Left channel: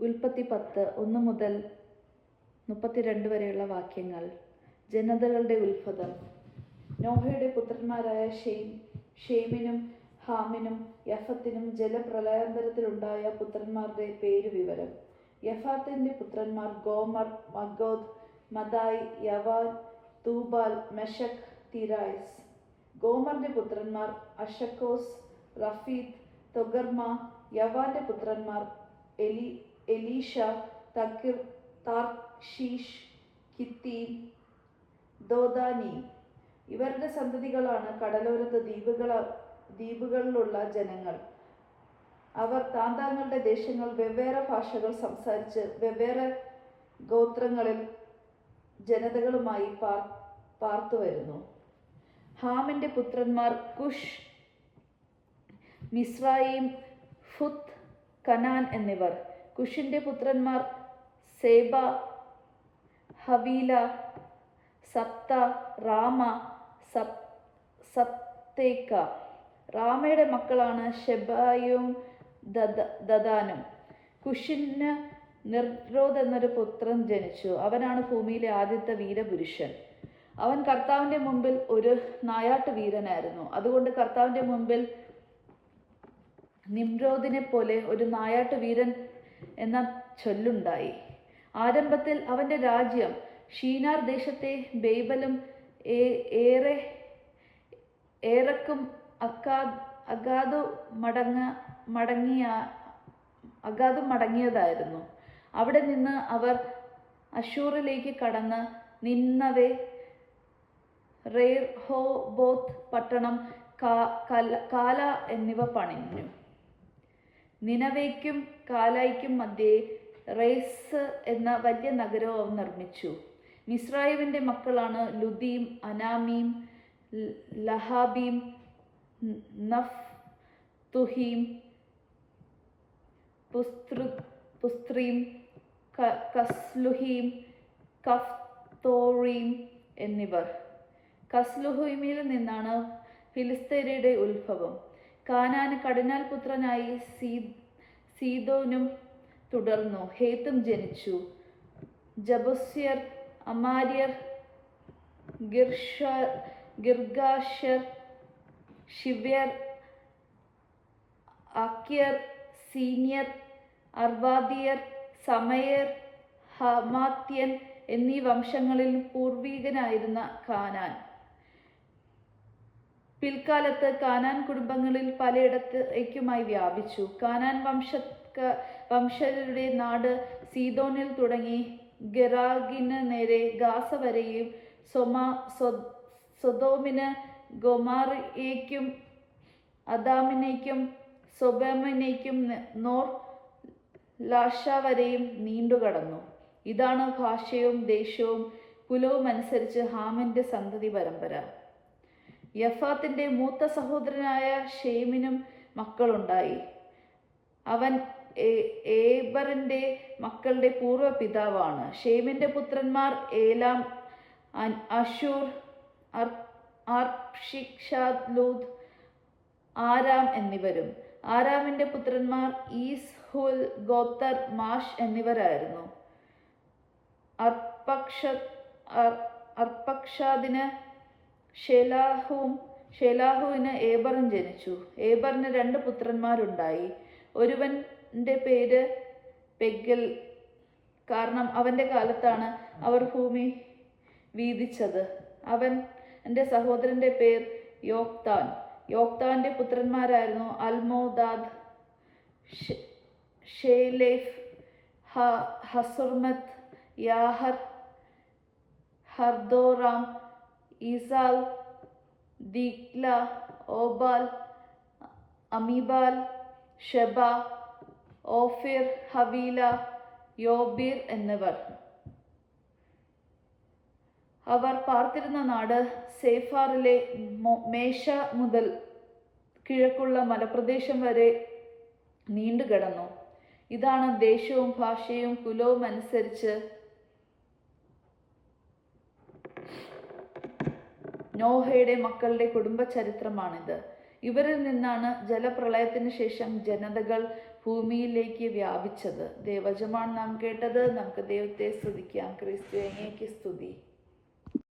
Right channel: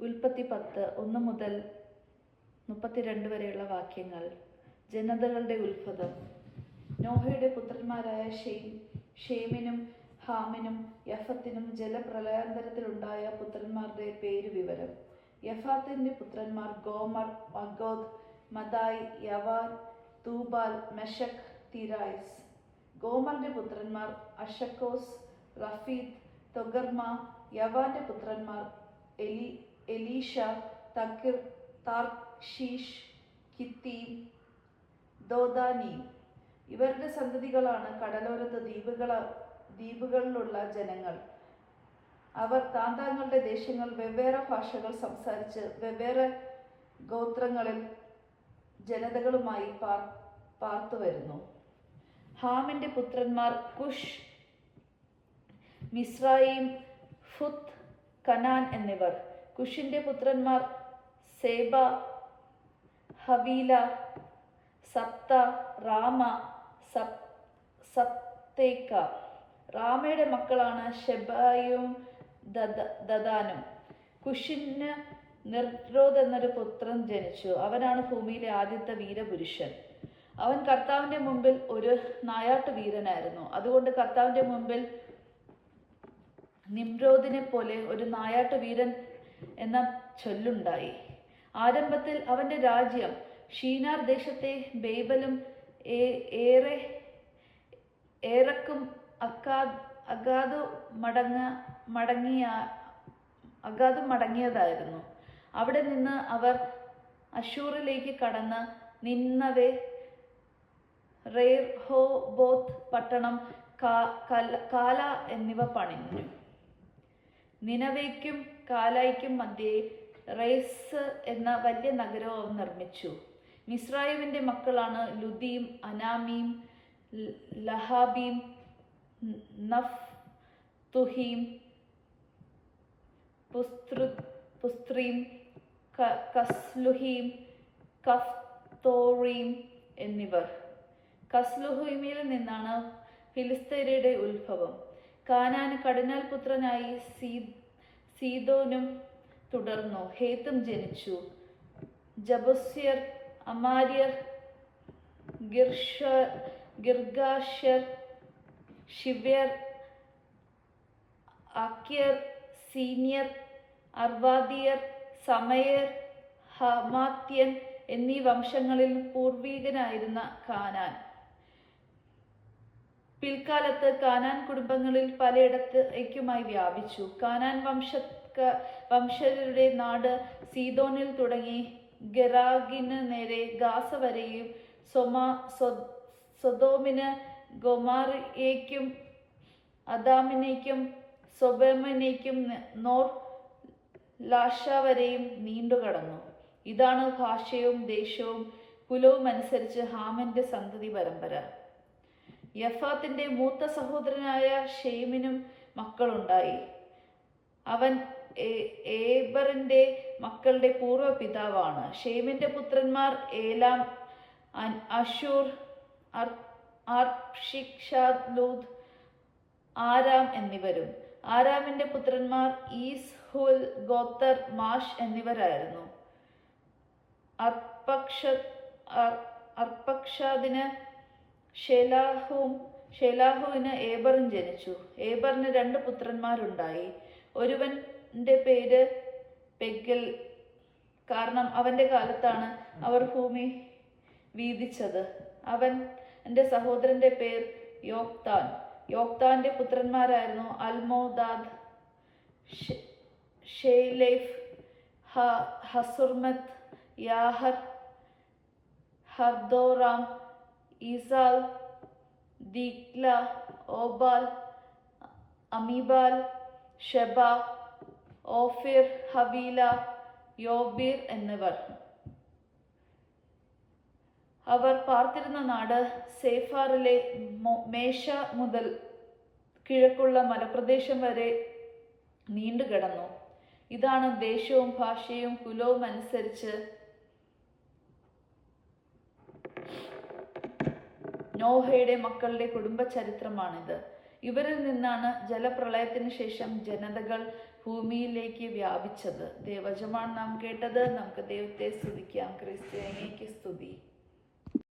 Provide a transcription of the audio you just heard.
ഉൽപ്പത്തി പത്ത് ഒന്ന് മുതൽ മുപ്പത്തിരണ്ട് വരെയുള്ള വാക്യങ്ങൾ. ജനതകളുടെ ഉത്ഭവം നോഹയുടെ പുത്രന്മാരായ ഷെയ്ം ഷെയ്മിനും ഹാമിനും യഫത്തിനും ജലപ്രളയാന്തരത്തിലുണ്ടായ പുത്രന്മാരുടെ പേര് വിവരം. യഫാത്തിന്റെ പുത്രന്മാർ ഗോമർ മഗോദ് മദായ് യവാൻ തൂബാൽ മെഷക് തിരായ്സ്. ഗോമറിന്റെ പുത്രന്മാർ അഷക്കോസ് റഫീദ് തൊഗർമ യവാന്റെ പുത്രന്മാർ എലി എലീഷ തക്കിർ താർഷീഷ് കിത്തീം ദോദാനി. ഇവരുടെ സന്തതികളാണ് കടലോരത്ത് ദ്വീപുകള ദ്വീപുകളിലുള്ള ജനങ്ങൾ. അവർ താന്താങ്ങളുടെ ദേശങ്ങൾ വെവ്വേറെ ഭാഷകൾ സംസാരിച്ച് വെവ്വേറെ ഗോത്രങ്ങളിൽ ജനതകളുമായി പാർ പാർത്തു വരുന്നു ഹാമിന്റെ പുത്രന്മാർ കുഷ് മിസ്രൈം ഫുത്ത് കനാൻ എന്നിവർ. കുഷിന്റെ പുത്രന്മാർ സേബ ഹവീല സപ്ത റാമ സപ് സപ്തേക്ക. റാമയുടെ മക്കളാണ് ഷെബായും ദദ- ദദാനും. കുഷിന് നിർരോധ് എന്നൊരു പുത്രൻ ജനിച്ചു. അവനാണ് ഭൂമിയിലെ ആദ്യത്തെ വീരപുരുഷൻ. അവൻ കർത്താവിന്റെ മുമ്പിൽ ഒരു നായാട്ടു വീരനായിരുന്നു അതുകൊണ്ട് കർത്താവിന്റെ മുമ്പിൽ നിമ്രോദിനെ പോലെ ഒരു നായാട്ടു വീരൻ എന്ന ചൊല്ലുണ്ടായി. ആരംഭത്തിൽ അവന്റെ രാജ്യം ഷീനാർ ദേശത്തെ ബേബലും ഏറെ ഏറക്കും അക്കാ അഗാധു മടങ്ങ മടങ്ങിയ അഗാധു മടങ്ങിയതായിരുന്നു. അവിടെ നിന്ന് അവർ അഷൂറിലേക്ക് കടന്ന് നിന്നവേ റേഹോബോത്ത് പട്ടണം കാ- കല- കാല എന്നിവ പണിഞ്ഞു. നിനവേക്കും കാലായ്ക്കും മധ്യേ റേസ് എന്ന വലിയ നഗരവും അവർ നിർമ്മിച്ചു. മിസ്രൈമിന്റെ മക്കളാണ് ലുദീം അനാമീം ലഹാബീം നഫ് തുഹീം പുസ്തൃ പുസ്ത്രീം ക- കഫ് കഫ്തോറീം എന്നിവർ. കസ്ലുഹീമിൽ നിന്നാണ് ഫിലിസ്തീനയുടെ ഉത്ഭവം. കാനാന് കടിനാൽ പുത്രനായി സീ സീദോനും തുടർന്നു. ഹേത്തും ജനിച്ചു. ജബസ്യർ അമാര്യർ ഗിർഷ ഗിർഗാഷ്യർ ഷിവ്യർ അക്യർ സീനിയർ അർവാദിയർ സമയർ ഹമാത്യൻ എന്നീ വംശങ്ങളിൽ പൂർവീകനായിരുന്ന കാനാൻ. പിൽക്കാലത്ത് കാനാൻ കുടുംബങ്ങളിൽ പലയിടത്തേക്കുമായി വ്യാപിച്ചു. കാനാൻ വംശ വംശജരുടെ നാട് സീതോനിൽ തുടങ്ങി. ഗെറാഗിന് നേരെ ഗാസ വരെയും സൊമാ സ്വദോമിന് ഗൊമാറിയേക്കും അദാമിനേക്കും സൊബമിനേക്കും നോർ ലാഷ വരെയും നീണ്ടുകടന്നു ഇതാണ് ഭാഷയും ദേശവും. കുലവും അനുസരിച്ച് ഹാമിന്റെ സന്തതി പരമ്പര. യഫാത്തിന്റെ മൂത്ത സഹോദരനായ ഷെയ്മിനും മക്കളുണ്ടായി. അവൻ ഏബറിന്റെ മക്കളുടെ പൂർവ പിതാവാണ്. ഷെയ്മിന്റെ പുത്രന്മാർ ഏലാം അഷൂർ ലൂദ് ആരാം എന്നിവരും. ആരാമിന്റെ പുത്രന്മാർ ഈസ് ഹുൽ ഗോത്തർ മാഷ് എന്നിവരായിരുന്നു. അർപ്പക്ഷ അർ- അർപ്പക്ഷാദിന് ഷെലാഹുവും ഷെലാഹുവിന് ഏബറും ജനിച്ചു. ഏബറിന് രണ്ട് പുത്രന്മാരുണ്ടായി. ഒരുവന്റെ പേര് പെഗൽ കാരണം അവന്റെ കാലത്താണ് അവർ ഭൂമി വീതിച്ചത്. അവൻ എന്റെ സഹോദരന്റെ പേർ യോക്താൻ. യോക്താന്റെ പുത്രന്മാരായിരുന്നു അൽമോദാദ് ഷെയ്ലേഫ് ഹസുർമത്ത് യാഹർ ഹർദോറാം ഈസാൽ ദിക്ല ഓബാൽ അമീബാൽ ഷെബ ഓഫിർ ഹബീല യോബീർ എന്നിവർ. അവർ പാർത്തിരുന്ന നാട് സേഫാറിലെ മേശ മുതൽ കിഴക്കുള്ള മലപ്രദേശം വരെ നീണ്ടുകിടന്നു. ഇതാണ് ദേശവും ഭാഷയും കുലവും അനുസരിച്ച് നോഹയുടെ മക്കളുടെ കുടുംബ ചരിത്രമാണിത് ഇവരിൽ നിന്നാണ് ജലപ്രളയത്തിന് ശേഷം ജനതകൾ ഭൂമിയിലേക്ക് വ്യാപിച്ചത്. ദേവജമാണ് നാം കേട്ടത്. നമുക്ക് ദൈവത്തെ സ്തുതിക്കാം. ക്രിസ്തുവിനേക്ക് സ്തുതി.